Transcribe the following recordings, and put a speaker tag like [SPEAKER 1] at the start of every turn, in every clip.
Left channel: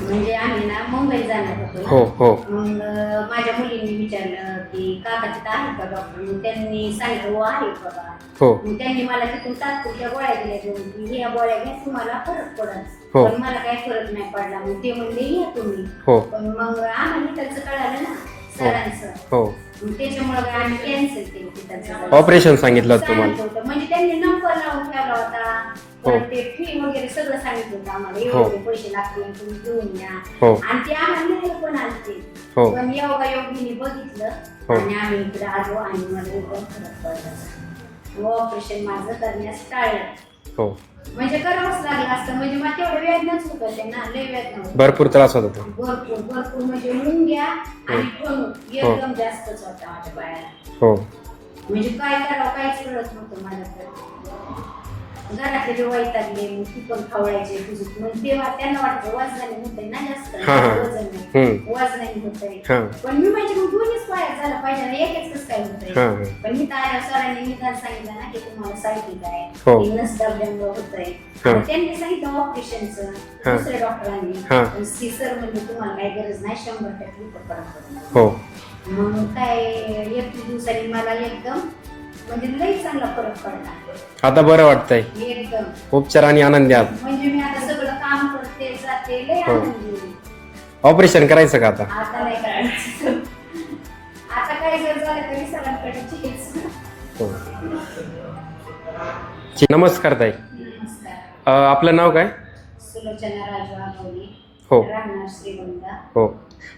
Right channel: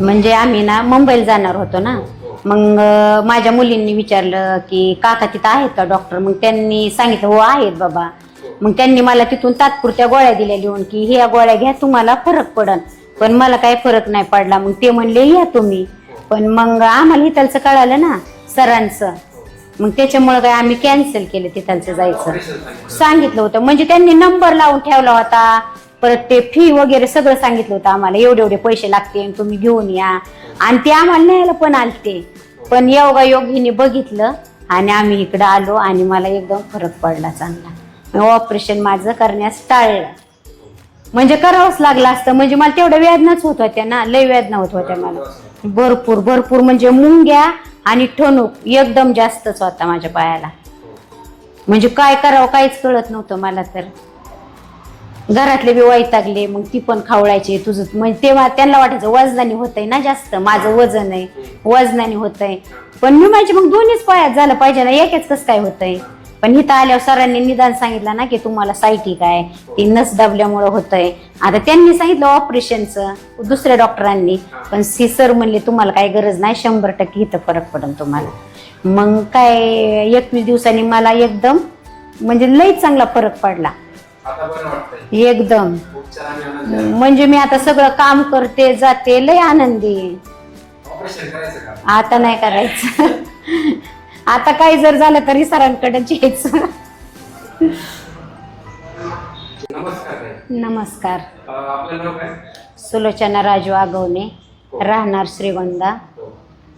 [SPEAKER 1] म्हणजे आम्ही ना मुंबईला जाणार होतो ना.
[SPEAKER 2] हो हो.
[SPEAKER 1] मग अं, माझ्या मुलींनी विचारलं की काका तिथं आहेत का डॉक्टर मग त्यांनी सांगितलं हो आहेत बाबा.
[SPEAKER 2] हो.
[SPEAKER 1] मग त्यांनी मला तिथून तात्पुरत्या गोळ्या दिल्या लिहून की ह्या गोळ्या घ्या तुम्हाला फरक पडन
[SPEAKER 2] हो.
[SPEAKER 1] पण मला काही फरक नाही पडला. मग ते म्हणले या तुम्ही.
[SPEAKER 2] हो.
[SPEAKER 1] पण मग आम्हाला इथलचं कळालं ना. सरांचं.
[SPEAKER 2] हो.
[SPEAKER 1] मग त्याच्यामुळे काय आम्ही कॅन्सल केलं तिथलचं जायचं.
[SPEAKER 2] ऑपरेशन सांगितलं होतं
[SPEAKER 1] सांगितलं होतं. म्हणजे त्यांनी नंबर लावून ठेवला होता. परत ते फी वगैरे सगळं सांगितलं होतं आम्हाला. एवढे एवढे पैसे लागतील तुम्ही घेऊन या.
[SPEAKER 2] हो.
[SPEAKER 1] आणि ते आम्हाला न्यायला पण आलते.
[SPEAKER 2] हो.
[SPEAKER 1] पण योगा योग हिने बघितलं आणि आम्ही इकडे आलो आणि मला एकदम फरक पडला चांगला. ऑपरेशन माझं करण्यास टाळलं.
[SPEAKER 2] हो.
[SPEAKER 1] म्हणजे करावंच लागलं असतं. म्हणजे मला तेवढ्या वेदनाच होत होत्या ना. लय वेदना होत होत्या
[SPEAKER 2] भरपूर
[SPEAKER 1] मला.
[SPEAKER 2] त्रास होत होता.
[SPEAKER 1] भरपूर भरपूर. म्हणजे मुंग्या आणि ठणूक एकदम जास्तच होता माझ्या पायाला.
[SPEAKER 2] हो.
[SPEAKER 1] म्हणजे काय करावं काहीच कळत नव्हतं मला तर. घरातले बी वैतागले मग ती पण खावळायची तुझं. म्हणजे तेव्हा त्यांना वाटायचं वजनाने होतंय ना जास्त. माझं वजन आहे. वजनाने होतंय.
[SPEAKER 2] हा.
[SPEAKER 1] पण मी माझे मग दोन्हीच पायात झालं पाहिजे ना एकच कसं काय होतंय?
[SPEAKER 2] हा, हा.
[SPEAKER 1] पण इथं आल्यावर सरांनी निदान सांगितलं ना की तुम्हाला सायटिक आहे
[SPEAKER 2] हो.
[SPEAKER 1] ती नस दाबल्यामुळे होतंय. आता त्यांनी सांगितलं ऑपरेशनचं दुसऱ्या डॉक्टरांनी.
[SPEAKER 2] हा.
[SPEAKER 1] पण सी सर म्हणले तुम्हाला काही गरज नाही शंभर टक्के इथं फरक पडेल
[SPEAKER 2] हो.
[SPEAKER 1] तुम्हाला मग काय एकवीस दिवसांनी मला एकदम म्हणजे लई चांगला फरक पडला.
[SPEAKER 2] आता बरं वाटतंय.
[SPEAKER 1] एकदम.
[SPEAKER 2] उपचार आणि आनंदी आहात
[SPEAKER 1] म्हणजे मी आता सगळं काम करते जाते लय आनंदी. आहे.
[SPEAKER 2] ऑपरेशन करायचं का आता?
[SPEAKER 1] आता नाही करायचं. आता काही जर झालं तरी सरांकडे यायचं
[SPEAKER 2] हो. नमस्कार ताई.
[SPEAKER 1] नमस्कार.
[SPEAKER 2] अ, आपलं नाव काय?
[SPEAKER 1] सुलोचना राजू आगवणे.
[SPEAKER 2] हो.
[SPEAKER 1] राहणार श्रीगोंदा.
[SPEAKER 2] हो.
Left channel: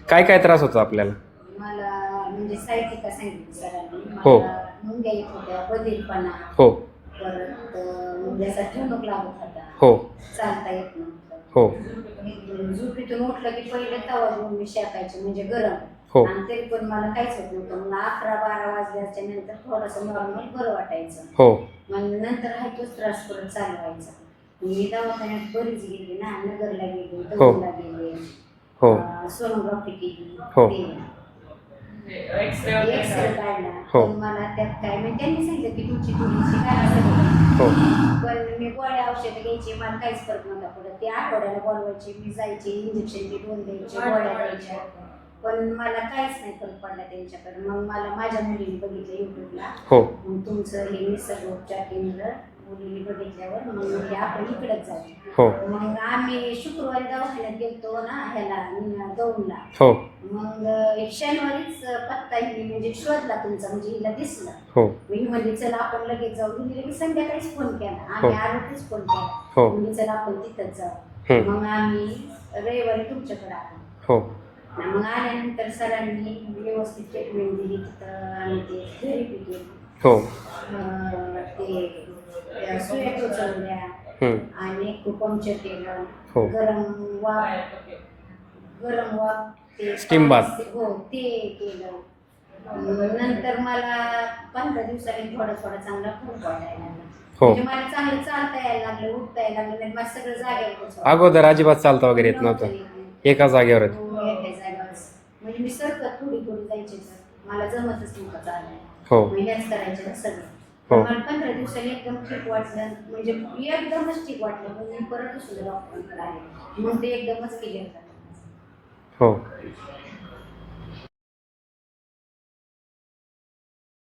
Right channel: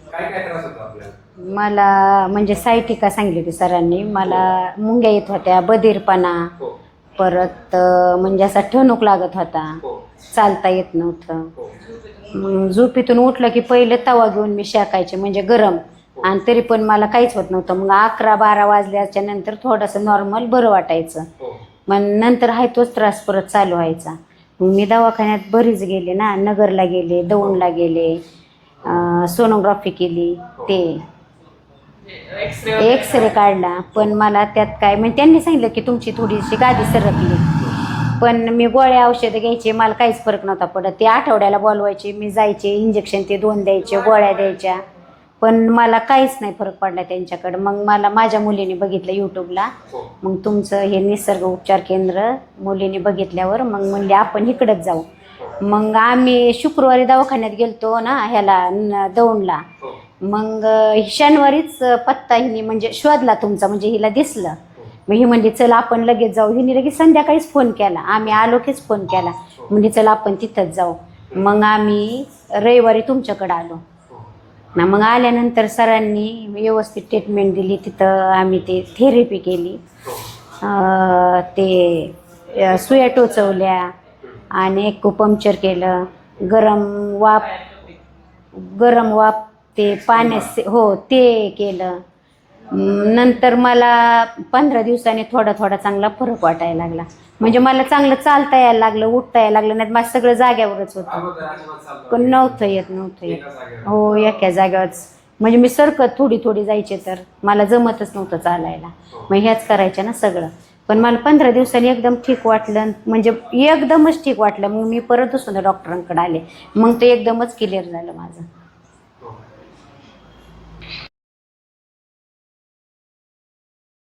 [SPEAKER 2] काय काय त्रास होतो आपल्याला?
[SPEAKER 1] मला म्हणजे सायटिका सांगितली होती सरांनी. मला मुंग्या येत होत्या बधीरपणा.
[SPEAKER 2] हो.
[SPEAKER 1] परत म्हणजे असा ठणूक लागत होता.
[SPEAKER 2] हो.
[SPEAKER 1] चालता येत नव्हतं.
[SPEAKER 2] हो.
[SPEAKER 1] मग झोपेतून उठलं की पहिलं तवा घेऊन मी शेकायचे म्हणजे गरम.
[SPEAKER 2] हो.
[SPEAKER 1] आणि तरी पण मला काहीच होत नव्हतं. मग अकरा बारा वाजल्याच्या नंतर थोडंसं नॉर्मल बरं वाटायचं.
[SPEAKER 2] हो.
[SPEAKER 1] मग नंतर आहे तोच त्रास परत चालू व्हायचा. मग मी दवाखान्यात बरीच गेले ना नगरला गेले दौंडला गेले
[SPEAKER 2] हो.
[SPEAKER 1] अं, सोनोग्राफी केली
[SPEAKER 2] हो.
[SPEAKER 1] ते. एक्सरे काढला.
[SPEAKER 2] हो.
[SPEAKER 1] पण मला त्यात काय म्हणजे त्यांनी सांगितलं की तुमची थोडीशी गादी सरकली
[SPEAKER 2] हो.
[SPEAKER 1] पण मी गोळ्या औषधं घ्यायचे मला काहीच फरक नव्हता पडत. ते आठवड्याला बोलवायचे मी जायचे इंजेक्शन ते दोन द्यायचे गोळ्या द्यायच्या. पण मला काहीच नाही फरक पडला त्यांच्याकडं. मग मला माझ्या मुलीने बघितलं यूट्यूबला
[SPEAKER 2] हो.
[SPEAKER 1] मग तुमचं हे निसर्ग उपचार केंद्र मुलीने बघितल्यावर मग म्हणले आपण इकडंच जाऊ.
[SPEAKER 2] हो.
[SPEAKER 1] मग आम्ही शुक्रवारी दवाखान्यात गेलतो ना ह्याला दौंडला.
[SPEAKER 2] हो.
[SPEAKER 1] मग शनिवारीच पत्ता हिने म्हणजे शोधला तुमचा म्हणजे हिला दिसलं.
[SPEAKER 2] हो.
[SPEAKER 1] मग ही म्हणली चल आपण लगेच जाऊ. हिने लगेच संध्याकाळीच फोन केला. आम्ही. आलो कीच फोन केला.
[SPEAKER 2] हो.
[SPEAKER 1] म्हणजे चल आपण तिथंच जाऊ. मग आम्ही रविवारी तुमच्याकडे आलो.
[SPEAKER 2] हो.
[SPEAKER 1] ना मग आल्यानंतर सरांनी व्यवस्थित ट्रीटमेंट दिली. तिथं आम्ही ते थेरपी केली.
[SPEAKER 2] हो.
[SPEAKER 1] अं, ते अं, सुया टोचवल्या. आणि एक पंक्चर केलं.
[SPEAKER 2] हो.
[SPEAKER 1] गरम वाफ गरम वाफ ते पाणी. हो ते केलं. नंतर मला पंधरा दिवसांनी थोडा थोडा चांगला फरक वाटायला लागला.
[SPEAKER 2] हो.
[SPEAKER 1] म्हणजे मला चांगलं चालता यायला लागलं उठता यायला लागलं नाही माझं सगळं जाग्यावरच होतं.
[SPEAKER 2] अगोदर अजिबात चालता वगैरे येत
[SPEAKER 1] नव्हतं. येत नव्हतं.
[SPEAKER 2] एका जागेवर
[SPEAKER 1] हो एका जागेवरच म्हणजे मी सरकत थोडी थोडी जायचे तर. मला जमतच नव्हतं चालायला.
[SPEAKER 2] हो.
[SPEAKER 1] मग ह्याच करायच्या ना सगळं. पण
[SPEAKER 2] हो.
[SPEAKER 1] मला पंधरा दिवसांनी एकदम ठीक वाटलं. म्हणजे एकदमच ठीक वाटलं. मग मी परत दुसऱ्या डॉक्टरांकडे आले. मग ते एकदमच क्लिअर झालं माझं.
[SPEAKER 2] हो.